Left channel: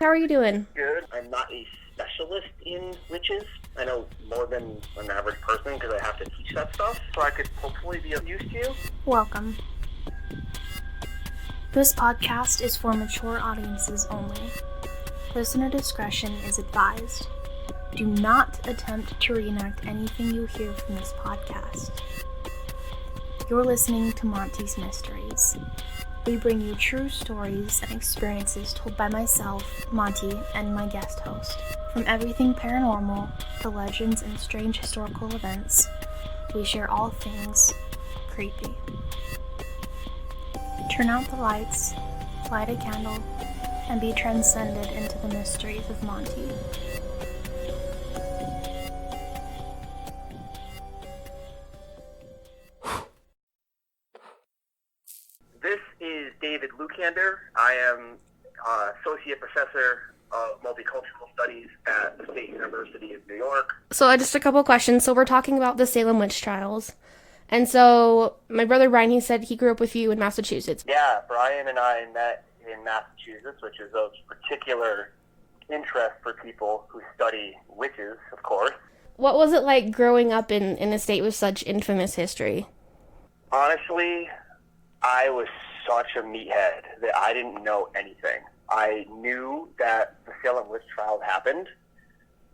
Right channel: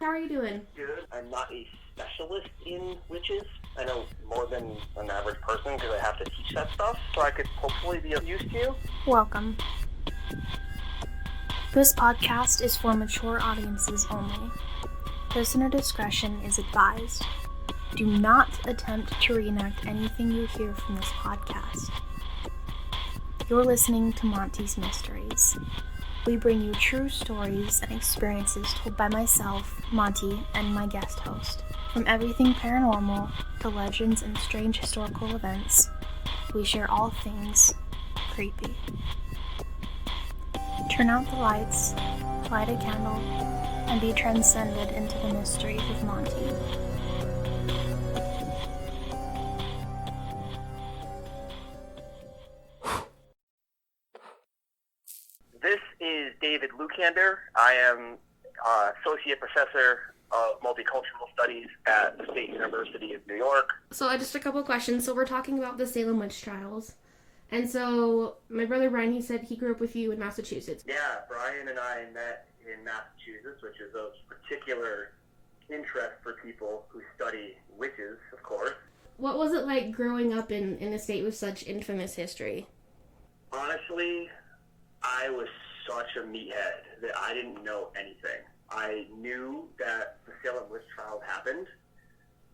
How are you doing? Good. I'm not a specialist in witches. I know more than an average person because I have to teach that stuff, so I could hopefully be of use to you. Welcome. This podcast is for mature audiences only. Listener discretion is advised. Do not attempt to reenact anything you hear from this podcast. You're listening to Monty's Mysteries. We bring you true stories and experiences told by myself, Monty, and my guest host. From everything paranormal to legends and strange historical events, we share all things creepy. Turn out the lights, light a candle, and be transcended into the mysteries of Monty. This is David Lucander. I am Associate Professor of Multicultural Studies at the State University of New York. So just a couple questions. So we're talking about the Salem witch trials. And so my brother Brian, he said he grew up with you in Massachusetts. Yeah, Brian and I met in Massachusetts, which is of particular interest for people who study witches, of course. What was it like growing up in a state with such infamous history? Honestly, I was such a meathead that I didn't know anything. I knew that the Salem witch trial happened,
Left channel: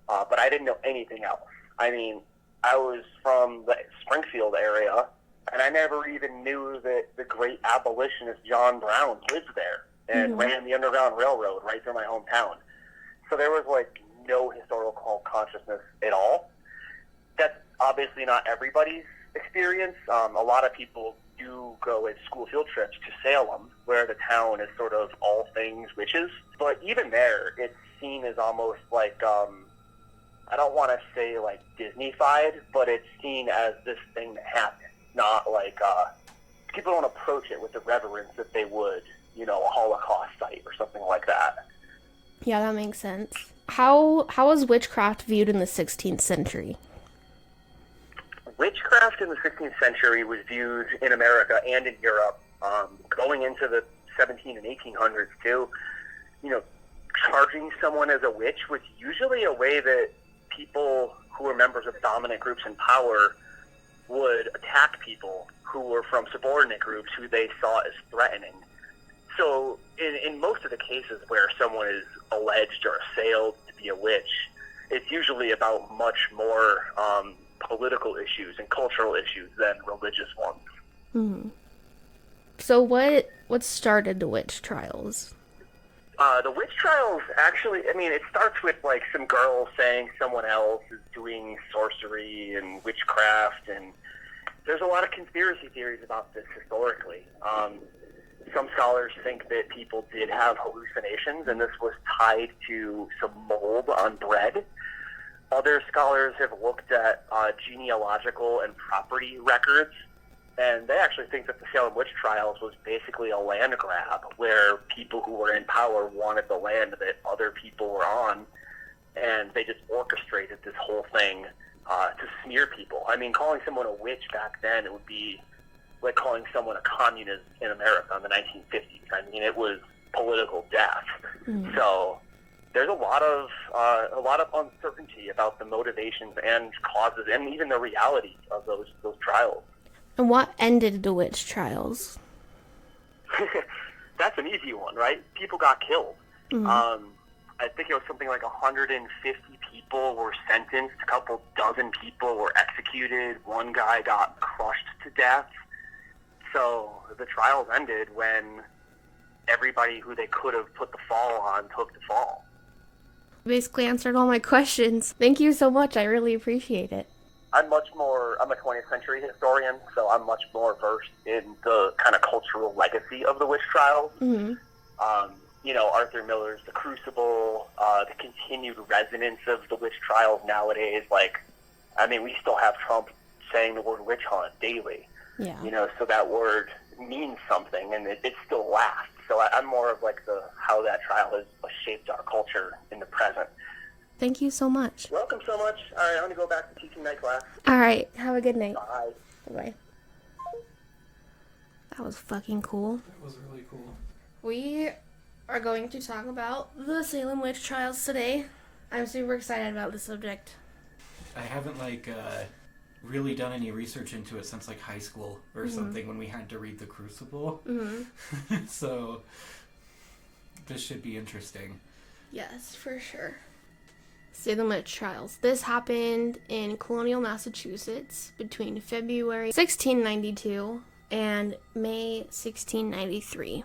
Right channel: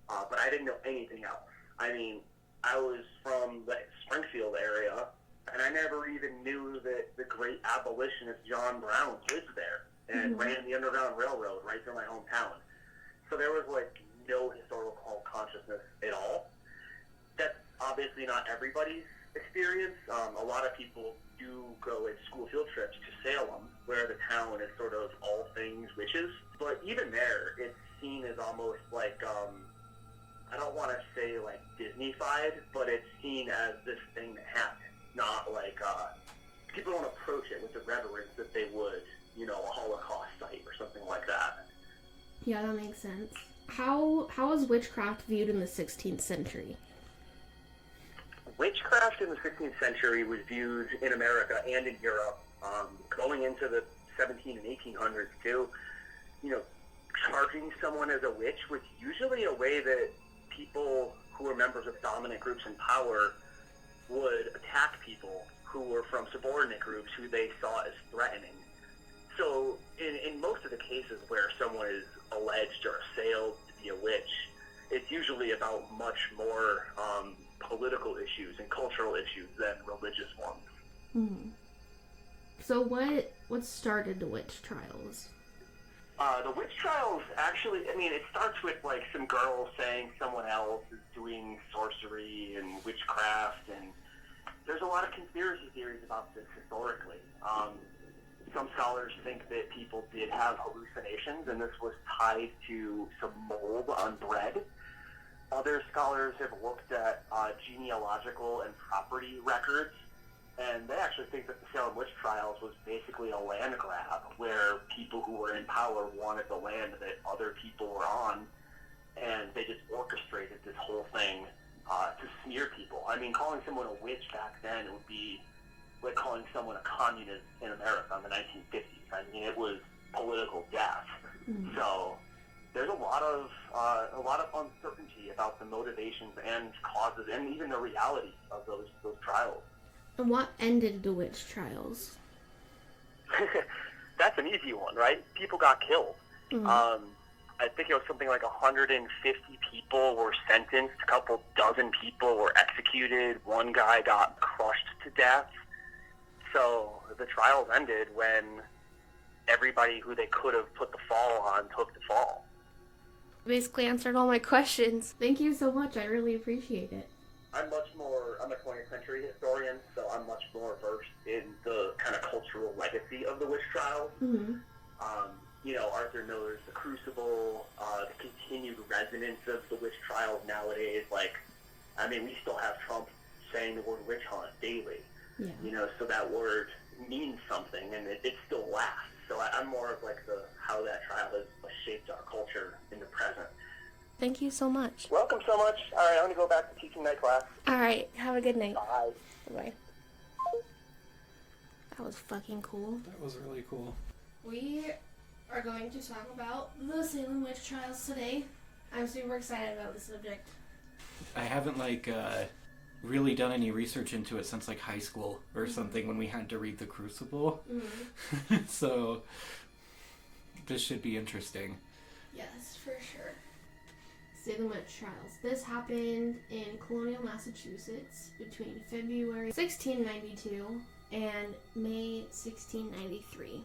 but I didn't know anything else. I mean, I was from the Springfield area, and I never even knew that the great abolitionist John Brown lived there and ran the Underground Railroad right through my hometown. So there was, no historical consciousness at all. That's obviously not everybody's experience. A lot of people do go as school field trips to Salem, where the town is sort of all things witches. But even there, it's seen as almost like, I don't want to say Disney-fied, but it's seen as this thing that happened. Not people don't approach it with the reverence that they would, a Holocaust site or something like that. Yeah, that makes sense. How was witchcraft viewed in the 16th century? Witchcraft in the 16th century was viewed in America and in Europe, going into the 17 and 1800s too. Charging someone as a witch was usually a way that people who were members of dominant groups in power would attack people who were from subordinate groups who they saw as threatening. So in most of the cases where someone is alleged or assailed to be a witch, it's usually about much more political issues and cultural issues than religious ones. Hmm. So what started the witch trials? The witch trials actually, it starts with some girls saying someone else is doing sorcery and witchcraft, and there's a lot of conspiracy theories about this historically. Some scholars think that people did have hallucinations, and this was tied to some mold on bread. Other scholars have looked at genealogical and property records, and they actually think that the Salem witch trials was basically a land grab, where people who were in power wanted the land that other people were on, and they just orchestrated this whole thing to smear people. Calling someone a witch back then, it would be like calling someone a communist in America in the 1950s. It was political death. Mm. So there's a lot of uncertainty about the motivations and causes and even the reality of those trials. And what ended the witch trials? That's an easy one, right? People got killed. Mm-hmm. I think it was something like 150 people were sentenced. A couple dozen people were executed. One guy got crushed to death. So the trials ended when everybody who they could have put the fall on took the fall. Basically answered all my questions. Thank you so much. I really appreciate it. I'm a 20th century historian, so I'm much more versed in the kind of cultural legacy of the witch trials. Mm-hmm. Arthur Miller's The Crucible, the continued resonance of the witch trials nowadays. We still have Trump saying the word witch hunt daily. Yeah. So that word means something, and it still lasts. So I'm more of how that trial has shaped our culture in the present. Thank you so much. Welcome so much. All right, I'm going to go back to teaching night class. All right, have a good night. Bye. Bye. That was fucking cool. That was really cool. We are going to talk about the Salem witch trials today. I'm super excited about the subject. I haven't really done any research into it since high school or something when we had to read The Crucible. Mm-hmm. So this should be interesting. Yes, for sure. Salem witch trials. This happened in colonial Massachusetts between February 1692 and May 1693.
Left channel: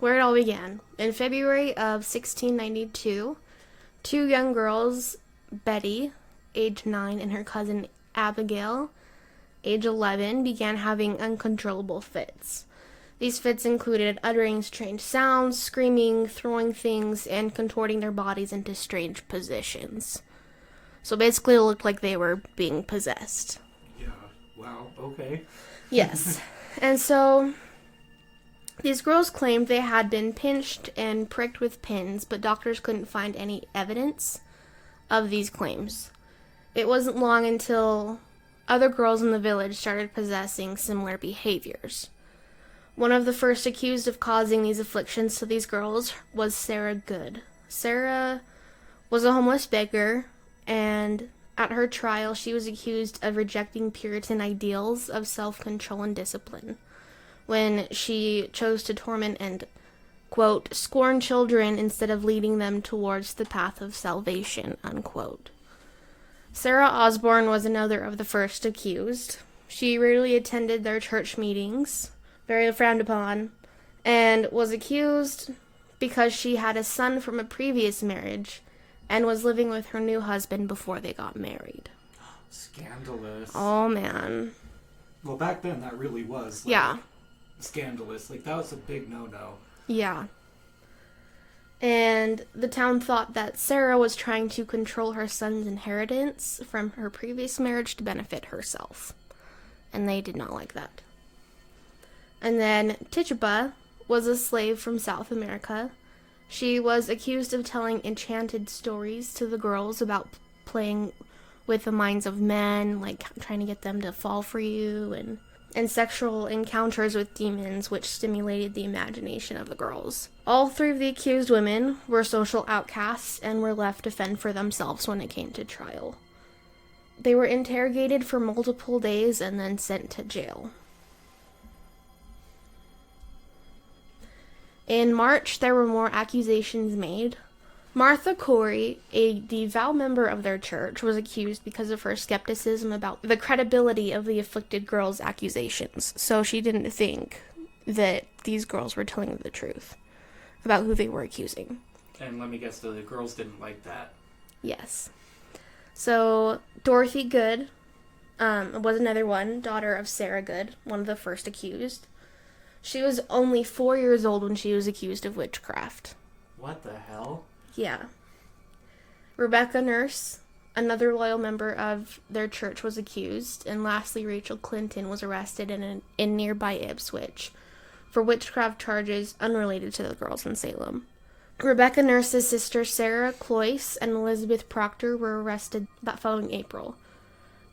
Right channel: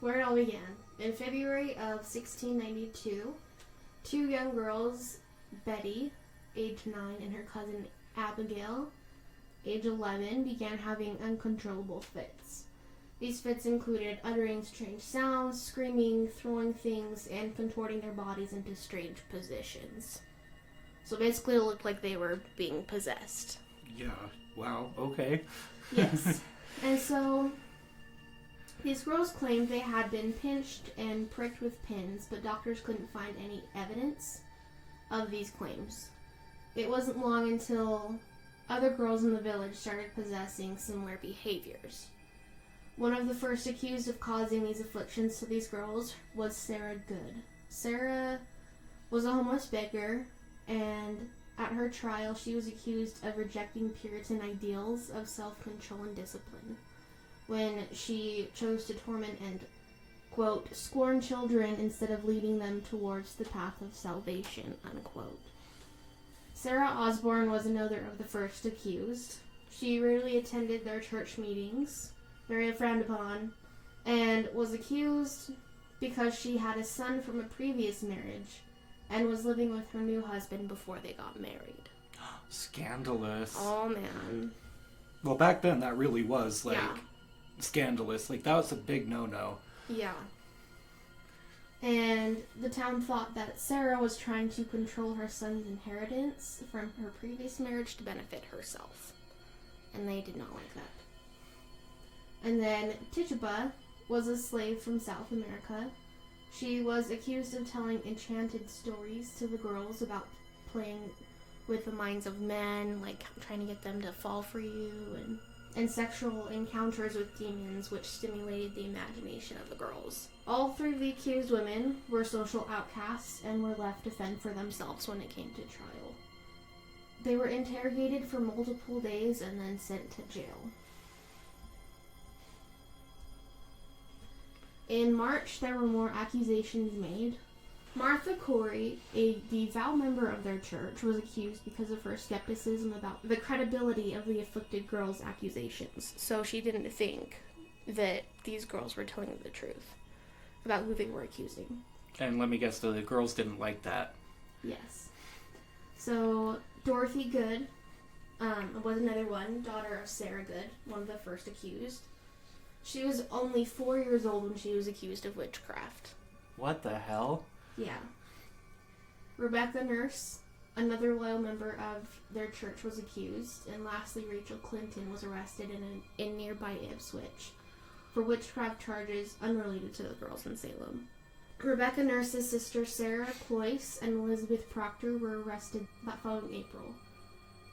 Where it all began. In February of 1692, two young girls, Betty, age 9, and her cousin Abigail, age 11, began having uncontrollable fits. These fits included uttering strange sounds, screaming, throwing things, and contorting their bodies into strange positions. So basically it looked like they were being possessed. Yeah, wow, okay. Yes. And so these girls claimed they had been pinched and pricked with pins, but doctors couldn't find any evidence of these claims. It wasn't long until other girls in the village started possessing similar behaviors. One of the first accused of causing these afflictions to these girls was Sarah Good. Sarah was a homeless beggar, and at her trial she was accused of rejecting Puritan ideals of self-control and discipline when she chose to torment and, quote, scorn children instead of leading them towards the path of salvation, unquote. Sarah Osborne was another of the first accused. She rarely attended their church meetings, very frowned upon, and was accused because she had a son from a previous marriage and was living with her new husband before they got married. Scandalous. Oh, man. Well, back then that really was, Yeah. scandalous. That was a big no-no. Yeah. And the town thought that Sarah was trying to control her son's inheritance from her previous marriage to benefit herself. And they did not like that. And then Tituba was a slave from South America. She was accused of telling enchanted stories to the girls about playing with the minds of men, trying to get them to fall for you, and sexual encounters with demons, which stimulated the imagination of the girls. All three of the accused women were social outcasts and were left to fend for themselves when it came to trial. They were interrogated for multiple days and then sent to jail. In March, there were more accusations made. Martha Corey, a devout member of their church, was accused because of her skepticism about the credibility of the afflicted girls' accusations. So she didn't think that these girls were telling the truth about who they were accusing. And let me guess, the girls didn't like that. Yes. So Dorothy Good was another one, daughter of Sarah Good, one of the first accused. She was only 4 years old when she was accused of witchcraft. What the hell? Yeah. Rebecca Nurse, another loyal member of their church, was accused. And lastly, Rachel Clinton was arrested in nearby Ipswich for witchcraft charges unrelated to the girls in Salem. Rebecca Nurse's sister Sarah Cloyce and Elizabeth Proctor were arrested that following April.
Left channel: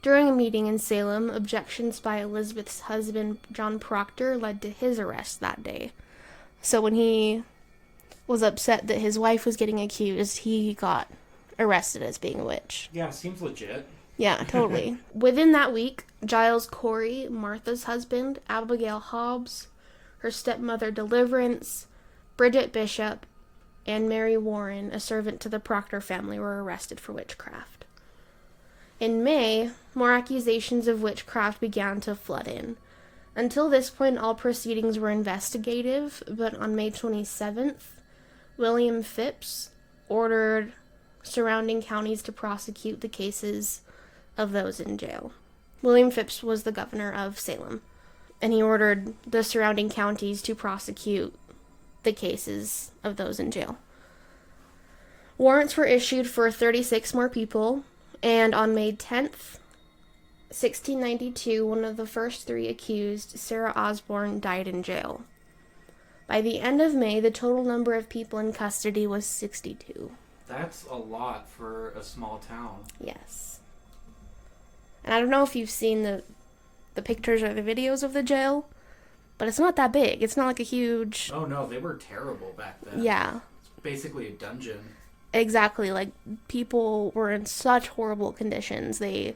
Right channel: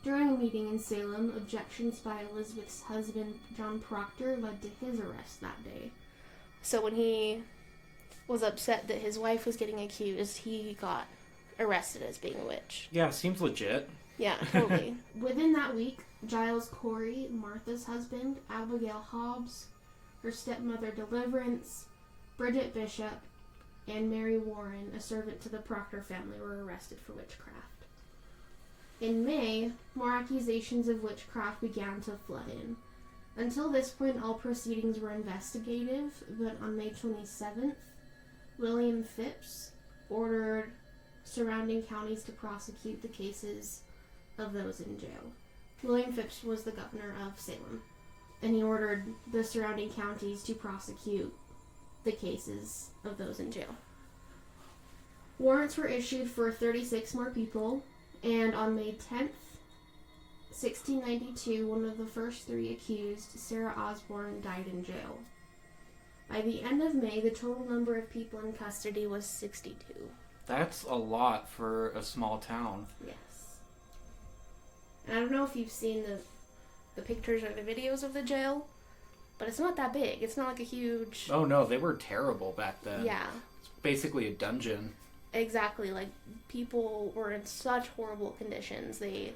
During a meeting in Salem, objections by Elizabeth's husband, John Proctor, led to his arrest that day. So when he was upset that his wife was getting accused, he got arrested as being a witch. Yeah, seems legit. Yeah, totally. Within that week, Giles Corey, Martha's husband, Abigail Hobbs, her stepmother Deliverance, Bridget Bishop, and Mary Warren, a servant to the Proctor family, were arrested for witchcraft. In May, more accusations of witchcraft began to flood in. Until this point, all proceedings were investigative, but on May 27th, William Phipps ordered surrounding counties to prosecute the cases of those in jail. William Phipps was the governor of Salem, and he ordered the surrounding counties to prosecute the cases of those in jail. Warrants were issued for 36 more people, and on May 10th, 1692, one of the first three accused, Sarah Osborne, died in jail. By the end of May, the total number of people in custody was 62. That's a lot for a small town. Yes. And I don't know if you've seen the pictures or the videos of the jail, but it's not that big. It's not like a huge... Oh, no, they were terrible back then. Yeah. It's basically a dungeon. Exactly. Like, people were in such horrible conditions. They,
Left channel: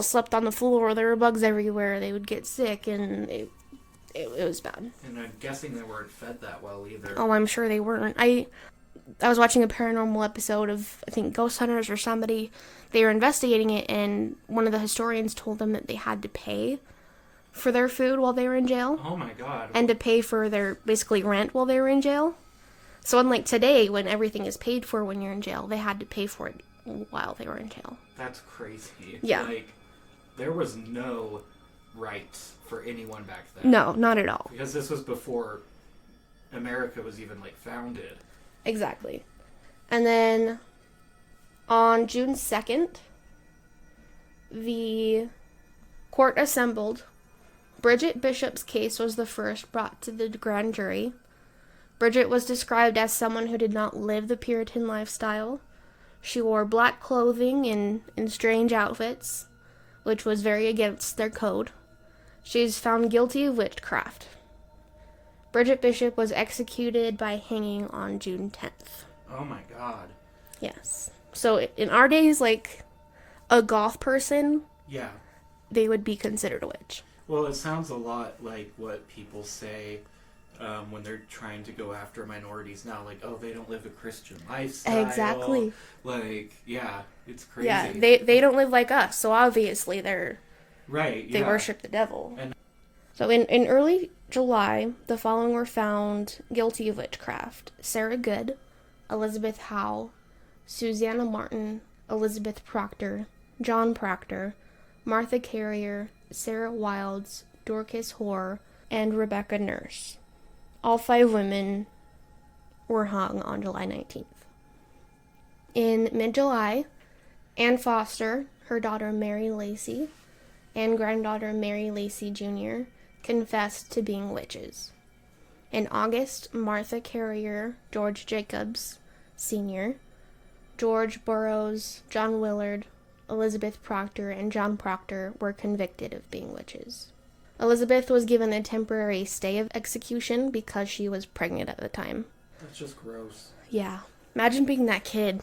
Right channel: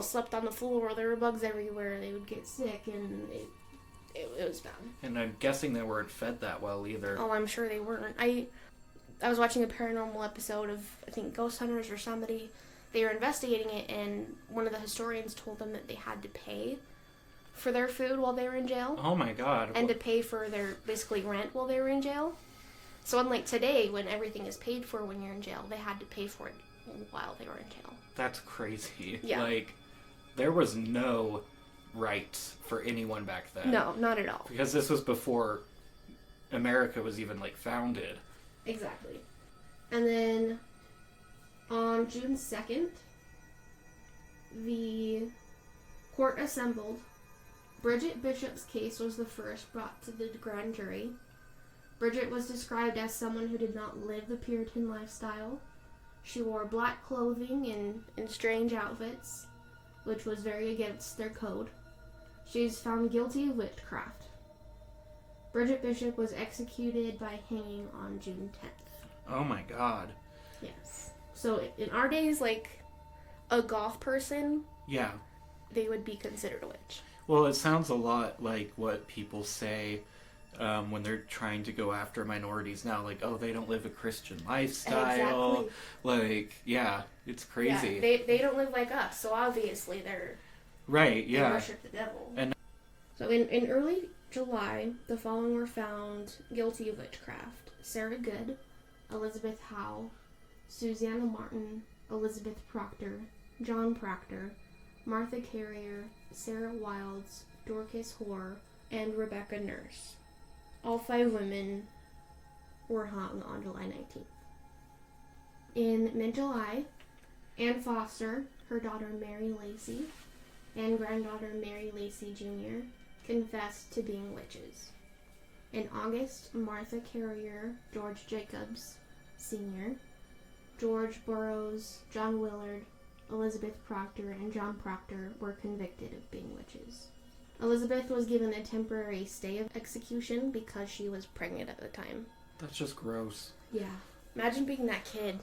slept on the floor. There were bugs everywhere. They would get sick, and it was bad. And I'm guessing they weren't fed that well either. Oh, I'm sure they weren't. I was watching a paranormal episode of, I think, Ghost Hunters or somebody. They were investigating it, and one of the historians told them that they had to pay for their food while they were in jail. Oh, my God. And to pay for their, basically, rent while they were in jail. So unlike today, when everything is paid for when you're in jail, they had to pay for it while they were in jail. That's crazy. Yeah. Like, there was no rights for anyone back then. No, not at all. Because this was before America was even, founded. Exactly. And then on June 2nd, the court assembled. Bridget Bishop's case was the first brought to the grand jury. Bridget was described as someone who did not live the Puritan lifestyle. She wore black clothing and strange outfits, which was very against their code. She is found guilty of witchcraft. Bridget Bishop was executed by hanging on June 10th. Oh my God. Yes. So in our days, a goth person, Yeah. they would be considered a witch. Well, it sounds a lot like what people say when they're trying to go after minorities now. Oh, they don't live a Christian lifestyle. Exactly. Yeah, it's crazy. Yeah, they don't live like us, so obviously they're... Right, yeah. They worship the devil. And so in early July, the following were found guilty of witchcraft: Sarah Good, Elizabeth Howe, Susanna Martin, Elizabeth Proctor, John Proctor, Martha Carrier, Sarah Wilds, Dorcas Hoare, and Rebecca Nurse. All 5 women were hung on July 19th. In mid-July, Anne Foster, her daughter Mary Lacey, and granddaughter Mary Lacey Jr. confessed to being witches. In August, Martha Carrier, George Jacobs Sr., George Burroughs, John Willard, Elizabeth Proctor, and John Proctor were convicted of being witches. Elizabeth was given a temporary stay of execution because she was pregnant at the time. that's just gross. Yeah. Imagine being that kid.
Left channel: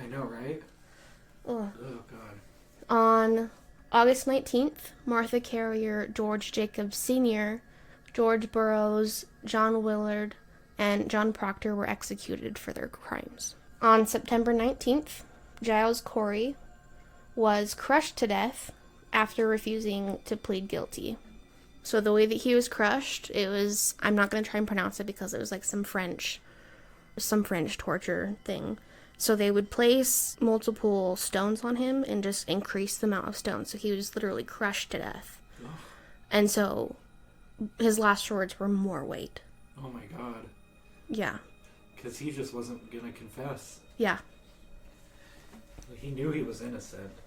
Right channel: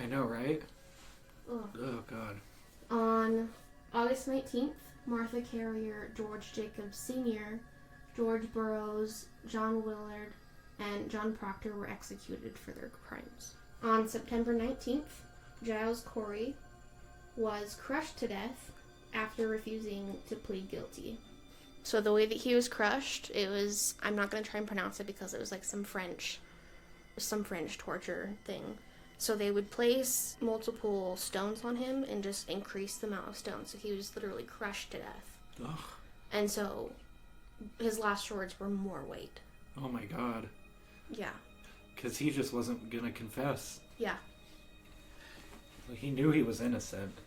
I know, right? Ugh. Oh, God. On August 19th, Martha Carrier, George Jacobs Sr., George Burroughs, John Willard, and John Proctor were executed for their crimes. On September 19th, Giles Corey was crushed to death after refusing to plead guilty. So the way that he was crushed, it was, I'm not going to try and pronounce it because it was some French torture thing. So they would place multiple stones on him and just increase the amount of stones. So he was literally crushed to death. Ugh. And so his last words were more weight. Oh my God. Yeah. Because he just wasn't going to confess. Yeah. He knew he was innocent.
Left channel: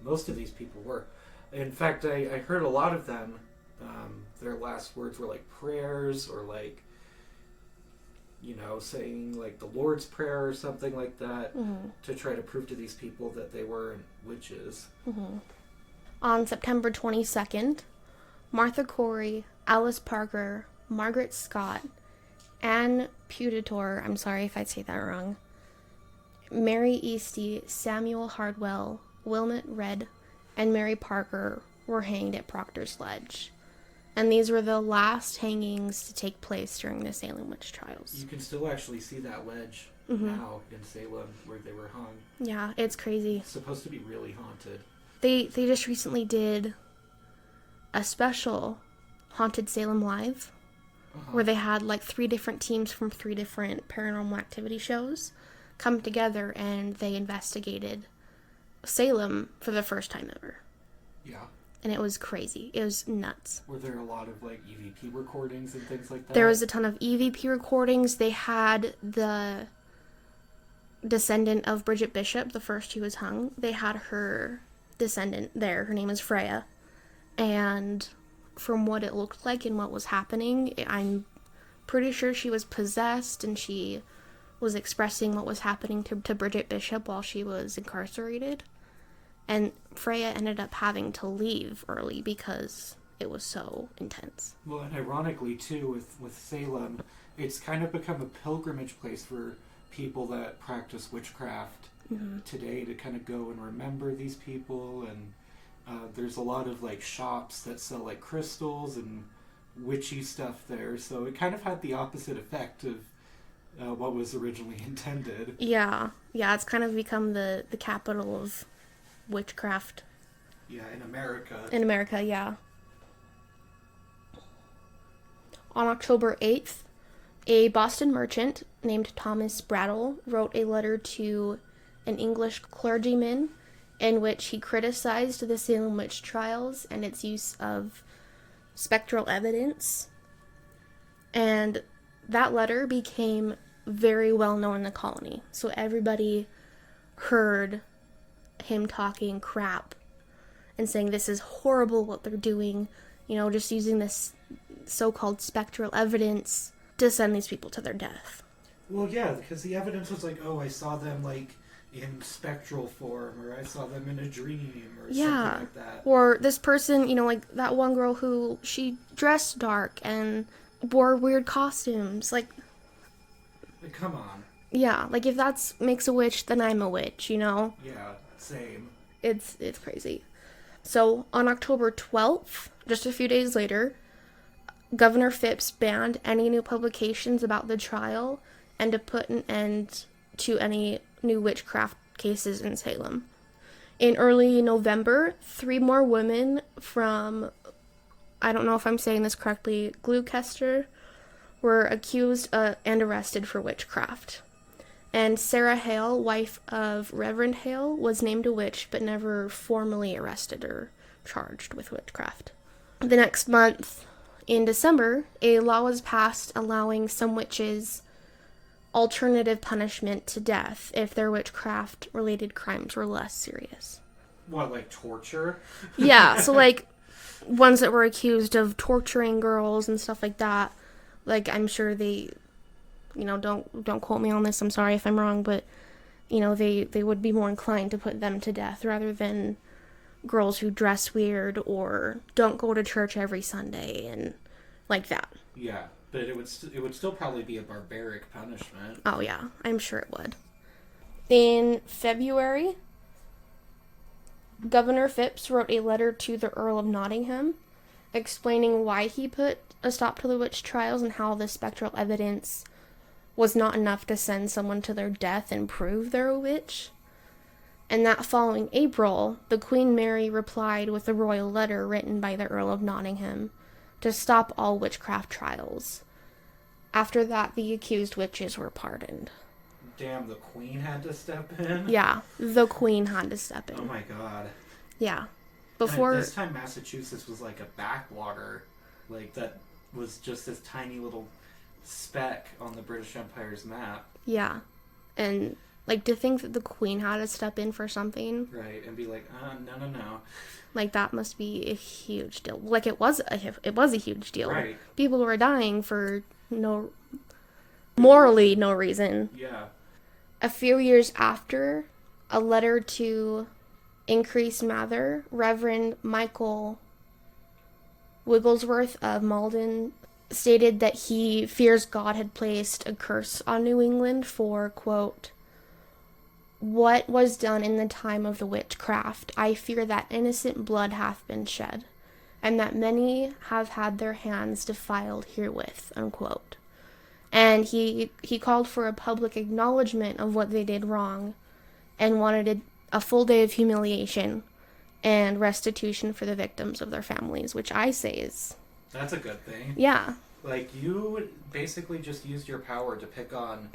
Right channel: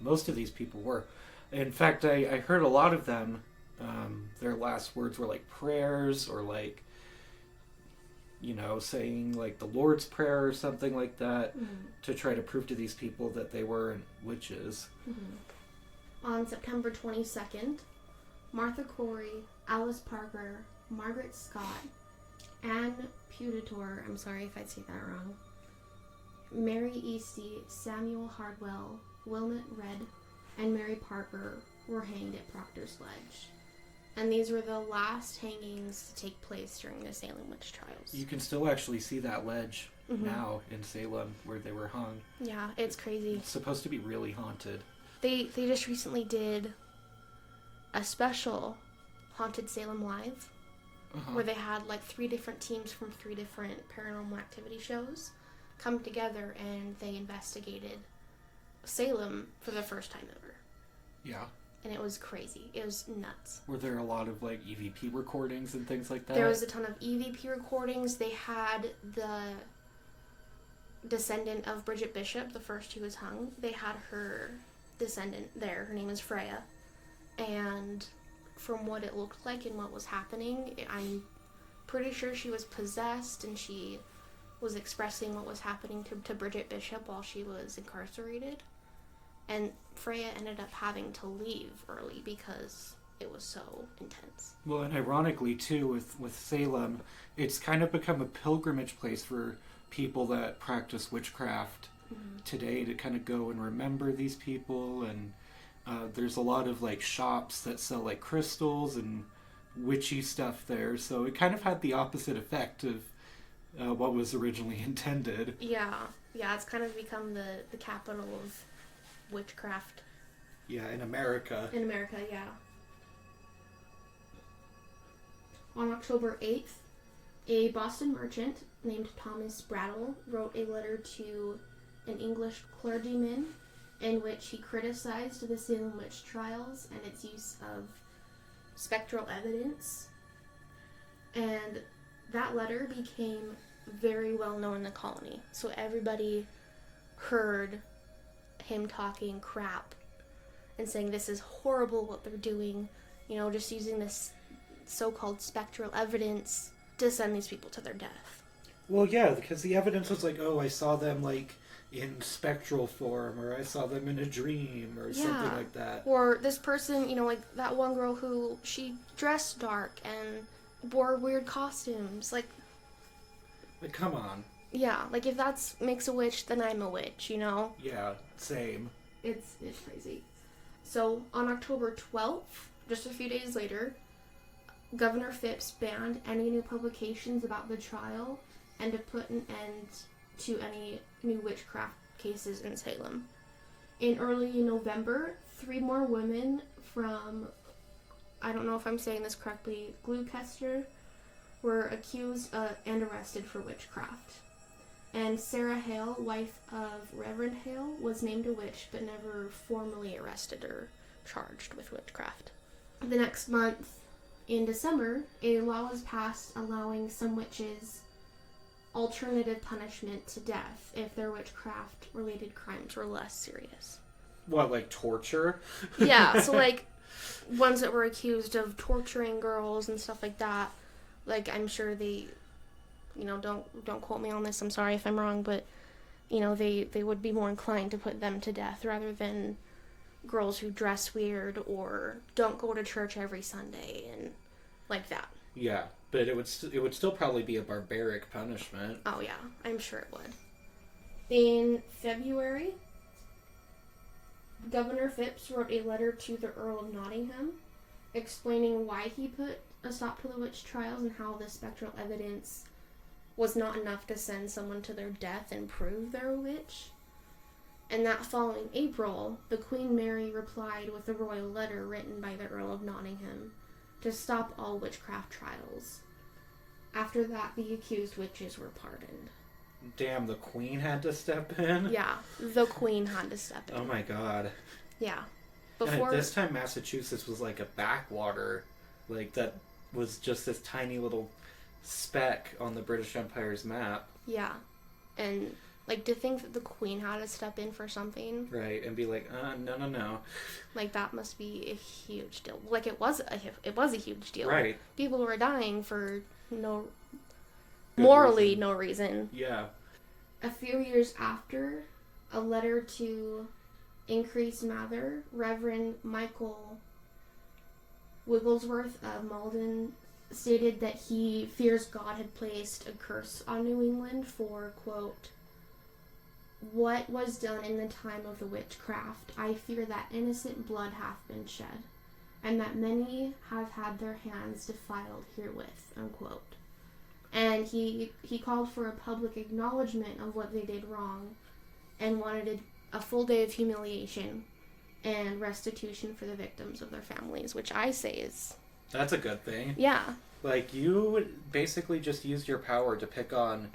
Most of these people were. In fact, I heard a lot of them, their last words were prayers or saying the Lord's Prayer or something like that, Mm-hmm. to try to prove to these people that they weren't witches. Mm-hmm. On September 22nd, Martha Corey, Alice Parker, Margaret Scott, Anne Putator, I'm sorry if I say that wrong, Mary Easty, Samuel Hardwell, Wilmot Red, and Mary Parker were hanged at Proctor's Ledge. And these were the last hangings to take place during the Salem witch trials. You can still actually see that ledge now in Salem where they were hung. Yeah, it's crazy. It's supposed to be really haunted. They just recently did a special Haunted Salem Live where they had 3 different teams from 3 different paranormal activity shows come together and they investigated Salem for the first time ever. Yeah. And it was crazy. It was nuts. Were there a lot of EVP recordings and things like that? There was a ton of EVP recordings. They had the descendant of Bridget Bishop, the first who was hung. They had her descendant there. Her name is Freya. And from what it looked like and what was happening, I'm pretty sure she was possessed and she was expressing what was happening to Bridget Bishop while she was incarcerated. And Freya ended up having to leave early because it was so intense. Well, and ironically, too, with Salem, it's kind of become a pilgrimage place for people that practice witchcraft today to kind of go and remember these people. And there's a lot of, like, shops that sell, like, crystals and witchy stuff there. So it kind of had the opposite effect of what was originally intended. Yeah, it's kind of become the capital of witchcraft. Yeah, in America. In America, yeah. On October 8th, a Boston merchant named Thomas Brattle wrote a letter to an English clergyman in which he criticized the Salem witch trials and its use of spectral evidence. And that letter became very well known in the colony. So everybody heard him talking crap and saying this is horrible what they're doing, just using this so-called spectral evidence to send these people to their death. Well, yeah, because the evidence was like, oh, I saw them, like, in spectral form, or I saw them in a dream, or something like that. Or this person, like that one girl who, she dressed dark and wore weird costumes. Like, come on. Yeah, like if that makes a witch, then I'm a witch, Yeah, same. It's crazy. So, on October 12th, just a few days later, Governor Phipps banned any new publications about the trial and to put an end to any new witchcraft cases in Salem. In early November, 3 more women from, I don't know if I'm saying this correctly, Gloucester, were accused and arrested for witchcraft. And Sarah Hale, wife of Reverend Hale, was named a witch but never formally arrested or charged with witchcraft. The next month, in December, a law was passed allowing some witches alternative punishment to death if their witchcraft-related crimes were less serious. What, like torture? Yeah, so like ones that were accused of torturing girls and stuff like that. Like, I'm sure they, don't quote me on this, I'm sorry if I'm wrong, but, they would be more inclined to put them to death rather than girls who dress weird or don't go to church every Sunday and like that. Yeah, but it would still probably be a barbaric punishment. Oh yeah, I'm sure it would. In February, Governor Phipps wrote a letter to the Earl of Nottingham explaining why he put a stop to the witch trials and how the spectral evidence was not enough to send someone to their death and prove they're a witch. And that following April, the Queen Mary replied with a royal letter written by the Earl of Nottingham to stop all witchcraft trials. After that, the accused witches were pardoned. Damn, the Queen had to step in? Yeah, the Queen had to step in. Oh my god. Yeah. Before... And at this time, Massachusetts was like a backwater. Like, that was just this tiny little speck on the British Empire's map. Yeah. And, like, to think that the Queen had to step in for something. Right, and be like, no. Like, that must be a huge deal. Like, it was a huge deal. Right. People were dying for morally no reason. Yeah. A few years after, a letter to Increase Mather, Reverend Michael Wigglesworth of Malden, stated that he fears God had placed a curse on New England for, quote, "What was done in the time of the witchcraft, I fear that innocent blood hath been shed, and that many have had their hands defiled herewith," unquote. And he called for a public acknowledgement of what they did wrong and wanted a full day of humiliation and restitution for the victims of their families, which I say is... That's a good thing. Yeah. Like, you basically just used your power to pick on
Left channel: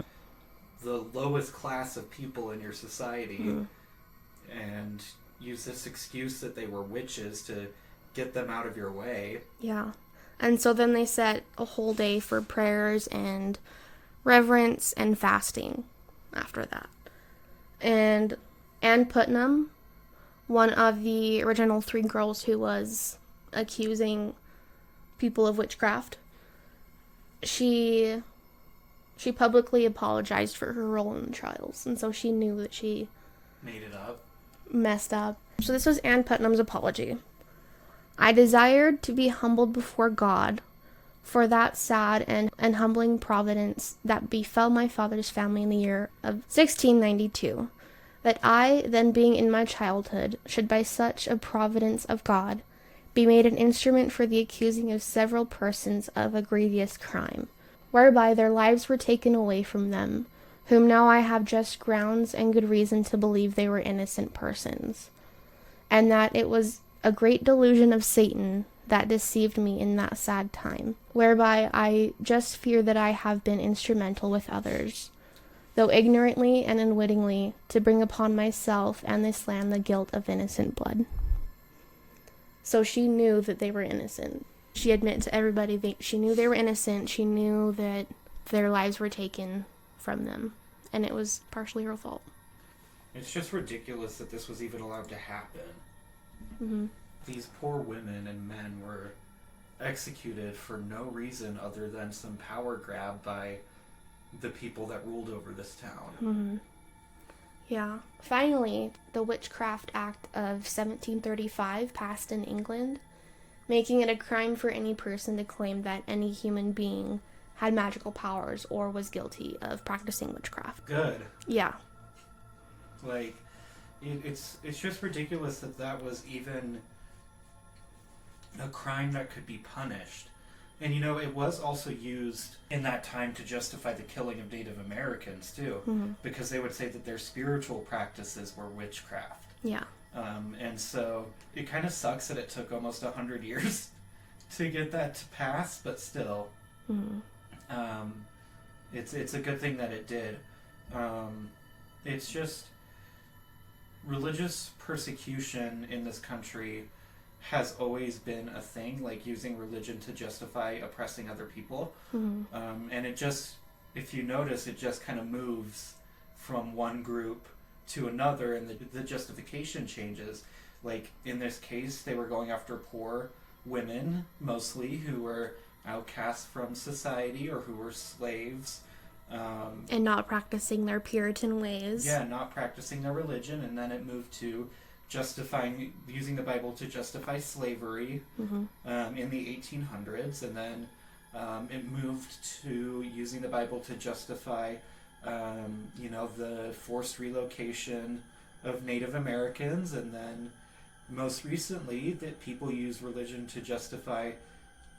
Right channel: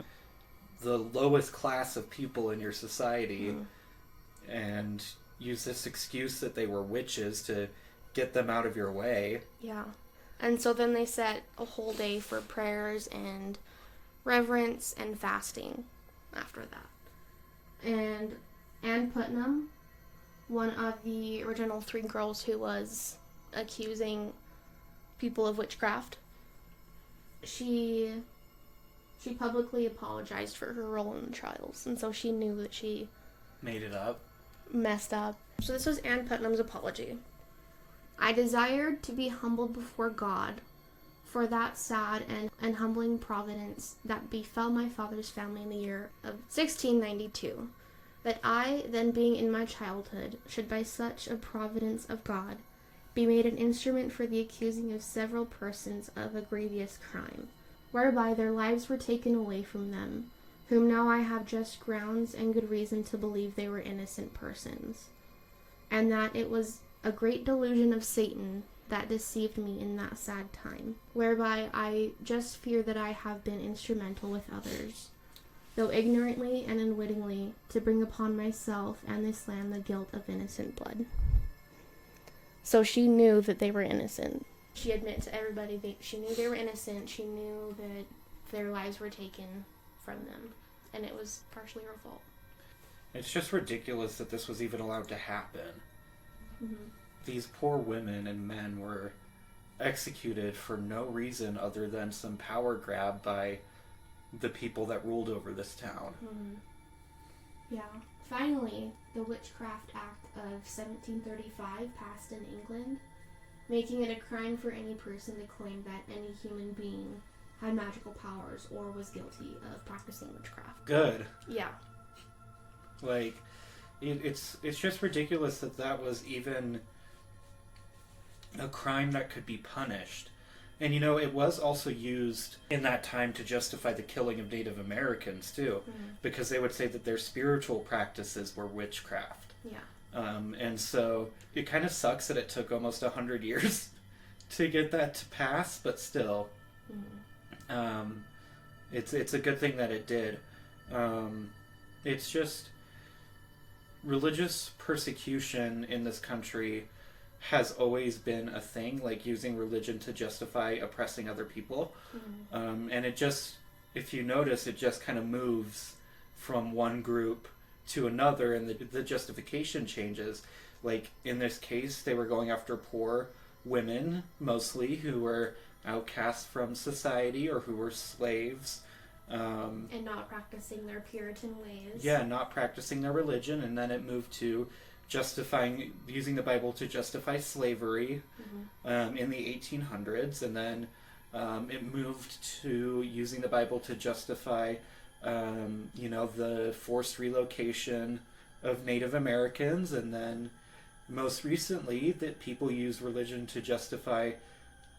the lowest class of people in your society and use this excuse that they were witches to get them out of your way. Yeah. And so then they set a whole day for prayers and reverence and fasting after that. And Anne Putnam, one of the original 3 girls who was accusing people of witchcraft, she publicly apologized for her role in the trials, and so she knew that she made it up. Messed up. So this was Anne Putnam's apology. I desired to be humbled before God for that sad and humbling providence that befell my father's family in the year of 1692, that I, then being in my childhood, should by such a providence of God be made an instrument for the accusing of several persons of a grievous crime, whereby their lives were taken away from them, whom now I have just grounds and good reason to believe they were innocent persons, and that it was a great delusion of Satan that deceived me in that sad time, whereby I just fear that I have been instrumental with others, though ignorantly and unwittingly, to bring upon myself and this land the guilt of innocent blood. So she knew that they were innocent. She admitted to everybody she knew they were innocent. She knew that their lives were taken from them, and it was partially her fault. It's just ridiculous that this was even allowed to happen. Mm-hmm. These poor women and men were executed for no reason other than some power grab by the people that ruled over this town. Mm-hmm. Yeah. Finally, the Witchcraft Act of 1735 passed in England, making it a crime for any person to claim that any human being had magical powers or was guilty of practicing witchcraft. Good. Yeah. Like, it's just ridiculous that was even a crime that could be punished. And, it was also used in that time to justify the killing of Native Americans, too. Mm-hmm. Because they would say that their spiritual practices were witchcraft. Yeah. And so it kind of sucks that it took almost 100 years to get that to pass, but still. Mm-hmm. It's a good thing that it did. It's just religious persecution in this country has always been a thing, like using religion to justify oppressing other people. Mm-hmm. And it just, if you notice, it just kind of moves from one group to another, and the justification changes. Like, in this case, they were going after poor women, mostly, who were outcast from society or who were slaves. And not practicing their Puritan ways. Yeah, not practicing their religion, and then it moved to using the Bible to justify slavery in the 1800s, and then it moved to using the Bible to justify, the forced relocation of Native Americans, and then most recently that people use religion to justify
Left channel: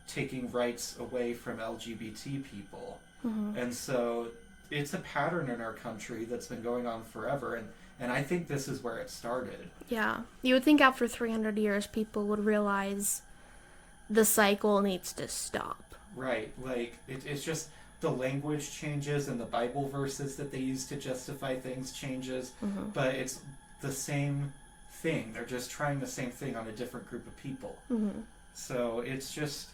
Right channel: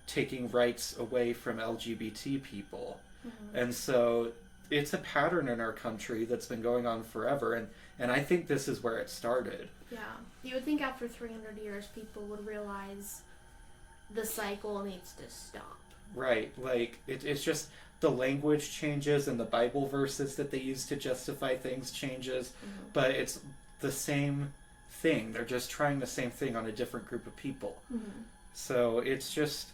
taking rights away from LGBT people. Mm-hmm. And so it's a pattern in our country that's been going on forever, and I think this is where it started. Yeah. You would think after 300 years people would realize the cycle needs to stop. Right. Like, it's just the language changes and the Bible verses that they use to justify things changes, but it's the same thing. They're just trying the same thing on a different group of people. Mm-hmm. So it's just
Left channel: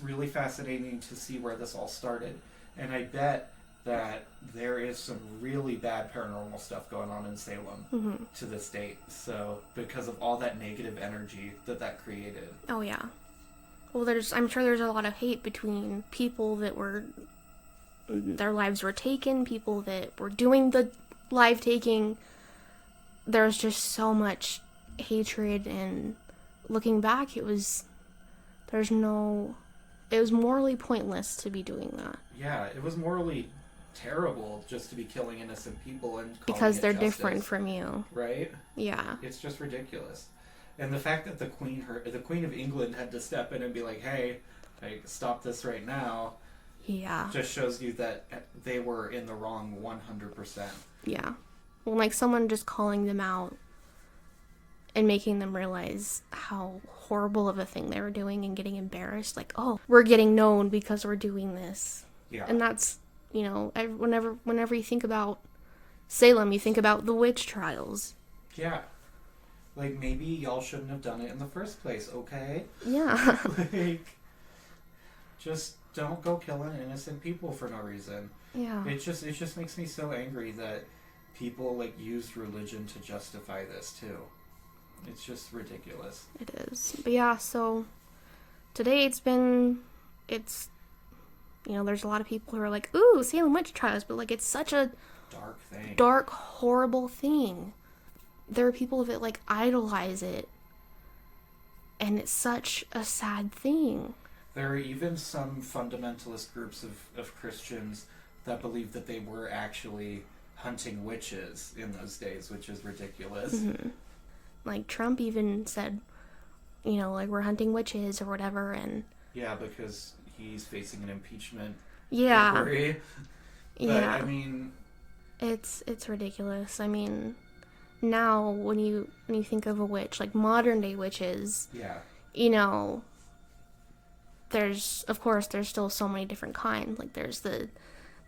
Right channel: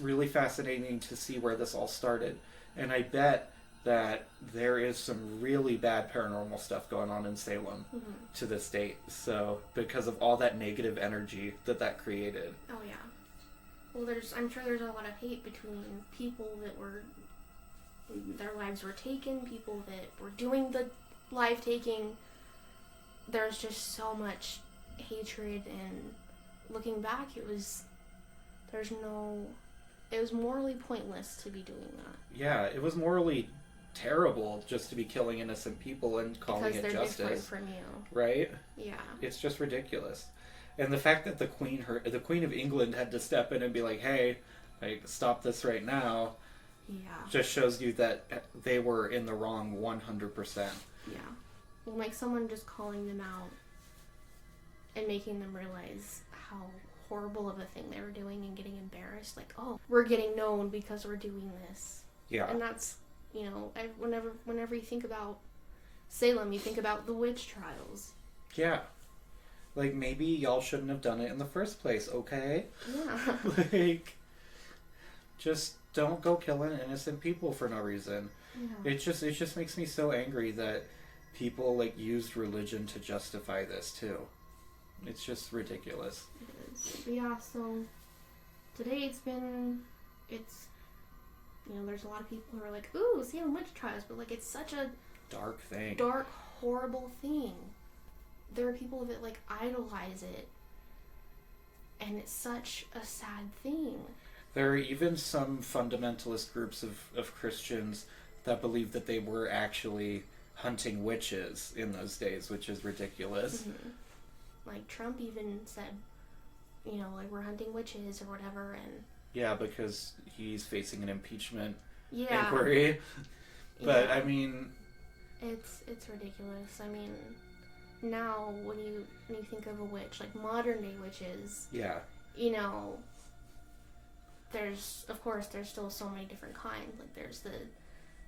really fascinating to see where this all started. And I bet that there is some really bad paranormal stuff going on in Salem to this date. So, because of all that negative energy that created. Oh, yeah. Well, I'm sure there's a lot of hate between people that their lives were taken, people that were doing the life taking. There's just so much hatred, and looking back, it was morally pointless to be doing that. Yeah, it was morally terrible just to be killing innocent people and calling because it they're justice, different from you. right? Yeah. It's just ridiculous. And the fact that the Queen of England had to step in and be like, "Hey, stop this right now," just shows you that they were in the wrong 100%. Yeah. Well, like someone just calling them out and making them realize how horrible of a thing they were doing and getting embarrassed. Like, oh, we're getting known because we're doing this. Yeah. And that's, whenever you think about Salem, you think about the witch trials. Yeah. Like, maybe y'all shouldn't have done it in the first place, okay? Yeah. Like, just don't go killing innocent people for no reason. Yeah. It just makes me so angry that people, used religion to justify this, too. It's just ridiculous. It is. But yeah, so today there's a lot of people who are like, ooh, Salem witch trials, but it's such a dark thing. Dark, horrible thing. There are people that idolize it. And it's such a sad thing. There are even some fundamentalist groups of Christians that believe that they were actually hunting witches in those days, which is ridiculous. Mm-hmm. Like, Trump even said, you know, like, we're hunting witches or whatever, and... Yeah, because he's facing an impeachment yeah. inquiry. But, yeah. I mean... It's ridiculous. I mean, now, when you think of a witch, like, modern-day witches... Yeah. You know... There's still so many different kinds. Like, there's the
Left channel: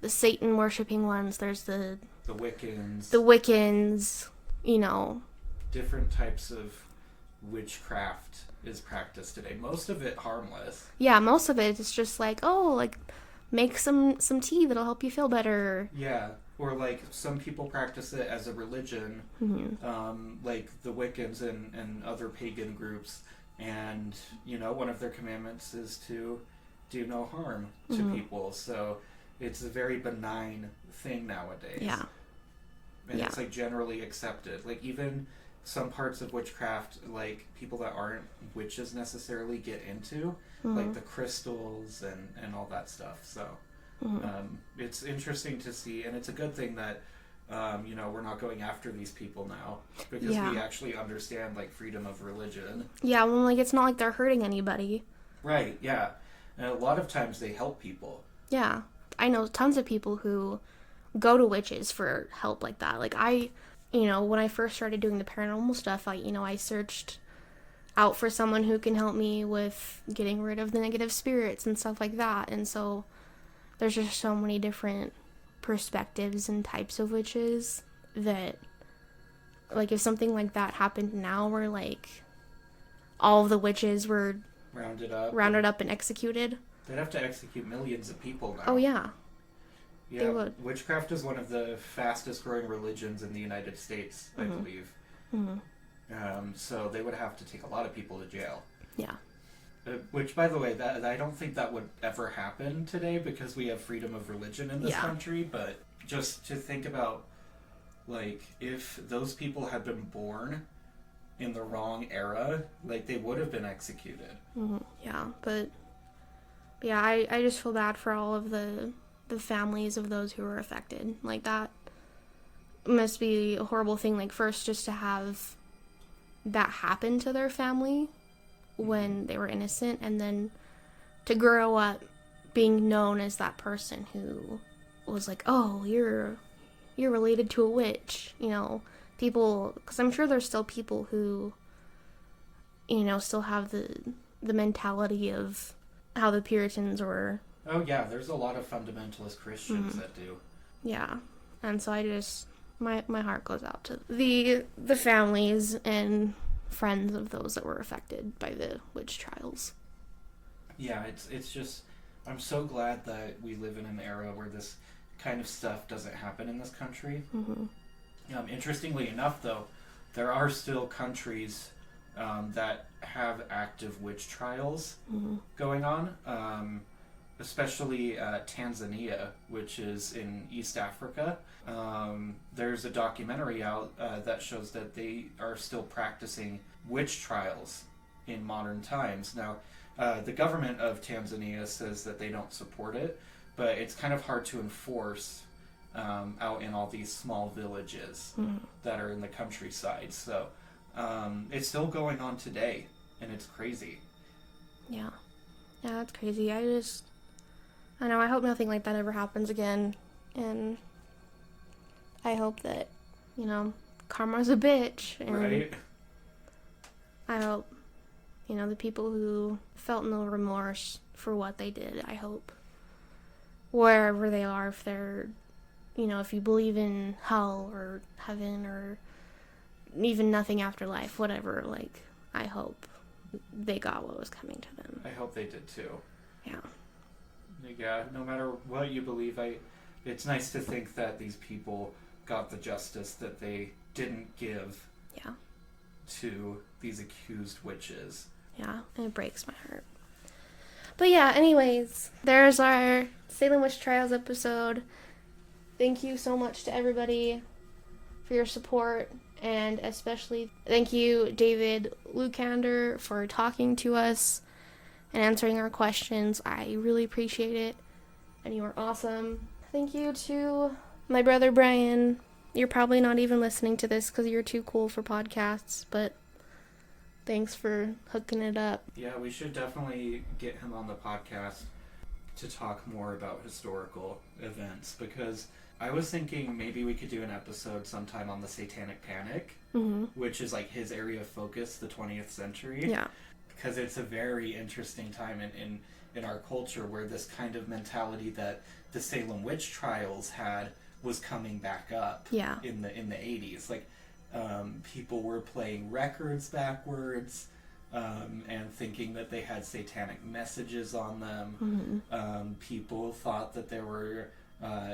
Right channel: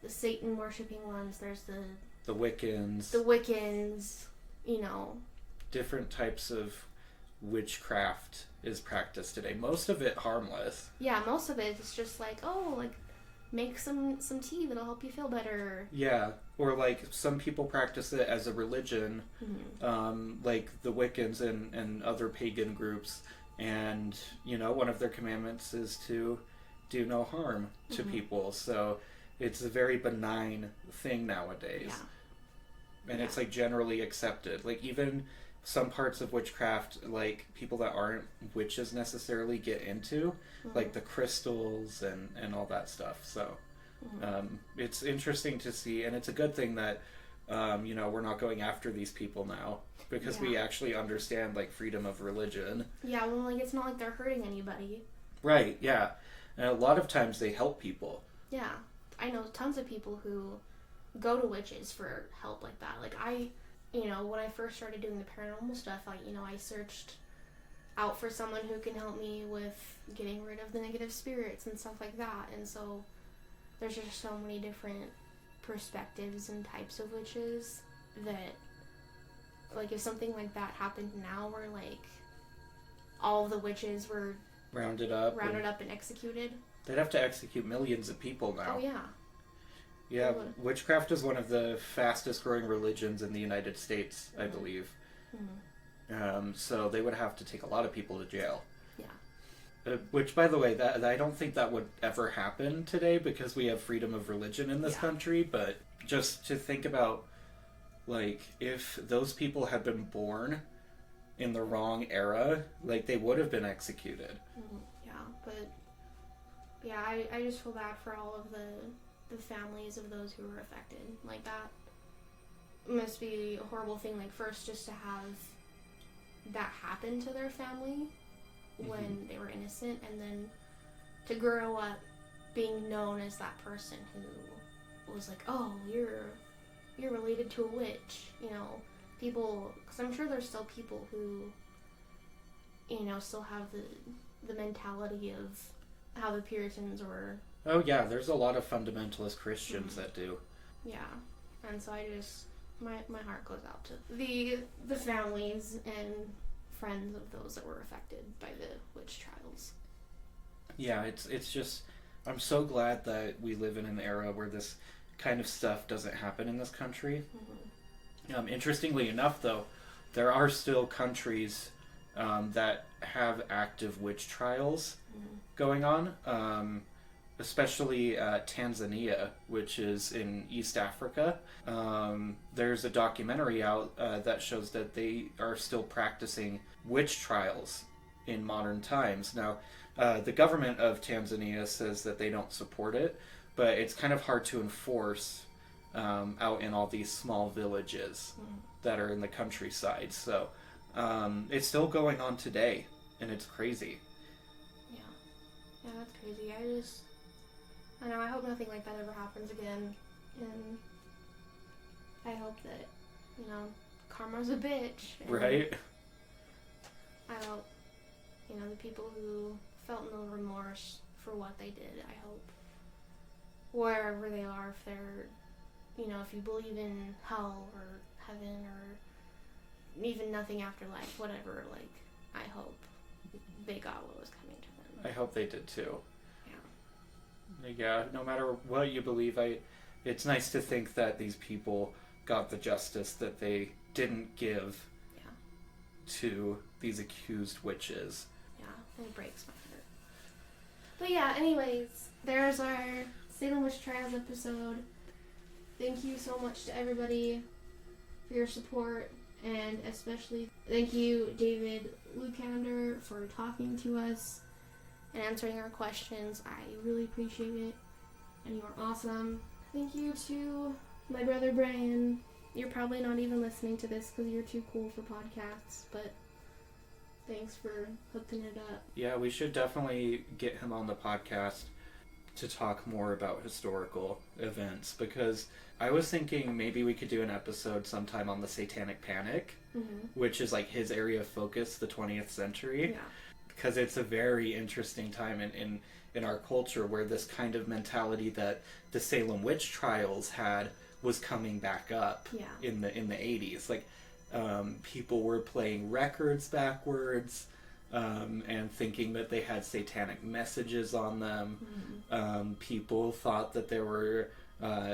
Satan worshipping ones. There's the Wiccans. You know, different types of witchcraft is practiced today. Most of it harmless. Yeah, most of it is just like, oh, like make some tea that'll help you feel better. Yeah, or like some people practice it as a religion, like the Wiccans and other pagan groups. And, you know, one of their commandments is to do no harm to people. So it's a very benign thing nowadays. Yeah. And it's, like, generally accepted. Like, even some parts of witchcraft, like, people that aren't witches necessarily get into, like the crystals and all that stuff. So it's interesting to see. And it's a good thing that, you know, we're not going after these people now because we actually understand, like, freedom of religion. Yeah, well, like, it's not like they're hurting anybody. Right, yeah. And a lot of times they help people. Yeah. I know tons of people who go to witches for help like that. Like, you know, when I first started doing the paranormal stuff, I searched out for someone who can help me with getting rid of the negative spirits and stuff like that. And so there's just so many different perspectives and types of witches that, like, if something like that happened now where, like, all of the witches were rounded up and executed, they'd have to execute millions of people now. Oh yeah. Yeah, witchcraft is one of the fastest growing religions in the United States, I believe. So they would have to take a lot of people to jail. Yeah. Which, by the way, that I don't think that would ever happen today because we have freedom of religion in this country. But just to think about, like, if those people had been born in the wrong era, like, they would have been executed. Yeah, but yeah, I just feel bad for all of the families of those who were affected. Like, that must be a horrible thing. Like, first, just to have that happen to their family when they were innocent, and then to grow up being known as that person who was like, oh, you're related to a witch, you know, people, because I'm sure there's still people who, you know, still have the mentality of how the Puritans were. Oh yeah, there's a lot of fundamentalist Christians that do. Yeah, and so I just, my heart goes out to the families and friends of those that were affected by the witch trials. Yeah, it's just, I'm so glad that we live in an era where this kind of stuff doesn't happen in this country. Interestingly enough, though, there are still countries that have active witch trials going on, especially Tanzania, which is in East Africa. There's a documentary out that shows that they are still practicing witch trials in modern times. Now, the government of Tanzania says that they don't support it, but it's kind of hard to enforce out in all these small villages that are in the countryside. So it's still going on today, and it's crazy. Yeah, that's crazy. I know, I hope nothing like that ever happens again, and I hope that, you know, karma's a bitch, and right? I hope, you know, the people who felt no remorse for what they did, I hope, wherever they are, if they're, you know, if you believe in hell or heaven or even nothing after life, whatever, like, I hope they got what was coming to them. I hope they did too. Yeah. Yeah, no matter what you believe, it's nice to think that these people got the justice that they didn't give to these accused witches. Yeah, and it breaks my heart. But yeah, anyways, there's our Salem Witch Trials episode. Thank you so much to everybody for your support And especially thank you, David Lucander, for talking to us and answering our questions. I really appreciate it, and you were awesome. Thank you to my brother Brian. You're probably not even listening to this because you're too cool for podcasts, but thanks for hooking it up. Yeah, we should definitely get him on the podcast to talk more about historical events, because I was thinking maybe we could do an episode sometime on the Satanic Panic, which is like his area of focus, the 20th century. Yeah. Because it's a very interesting time in our culture where this kind of mentality that the Salem witch trials had was coming back up in the 80s. Like, people were playing records backwards and thinking that they had satanic messages on them. People thought that there were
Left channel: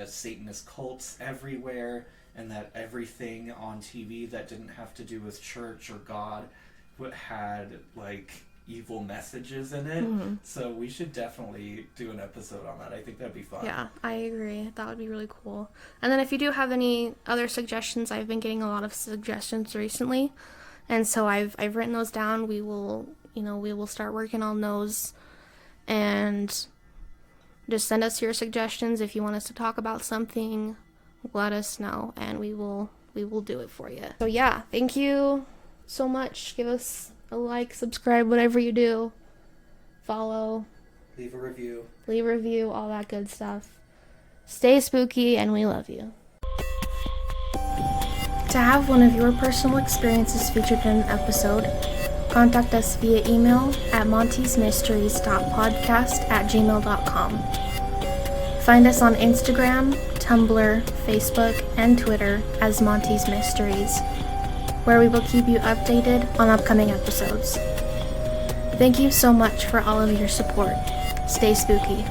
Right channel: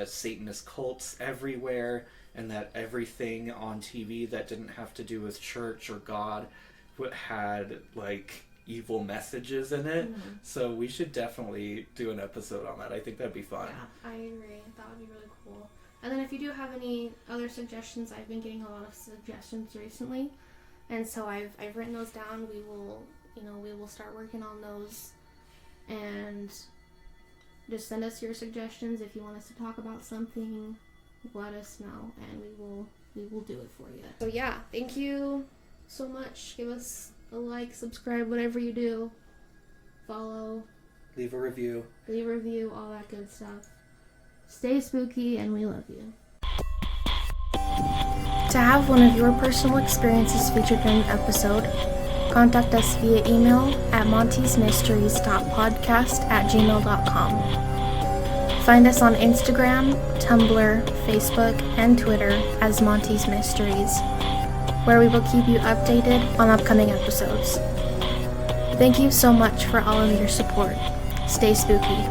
Satanist cults everywhere, and that everything on TV that didn't have to do with church or God had like evil messages in it. So we should definitely do an episode on that. I think that'd be fun. Yeah, I agree. That would be really cool. And then if you do have any other suggestions, I've been getting a lot of suggestions recently, and so I've written those down. We will start working on those, and just send us your suggestions. If you want us to talk about something, let us know, and we will do it for you. So yeah, thank you so much. Give us a like, subscribe, whatever you do. Follow. Leave a review, all that good stuff. Stay spooky, and we love you. To have one of your personal experiences featured in an episode, contact us via email at montysmysteries.podcast@gmail.com. Find us on Instagram, Tumblr, Facebook, and Twitter as Monty's Mysteries, where we will keep you updated on upcoming episodes. Thank you so much for all of your support. Stay spooky.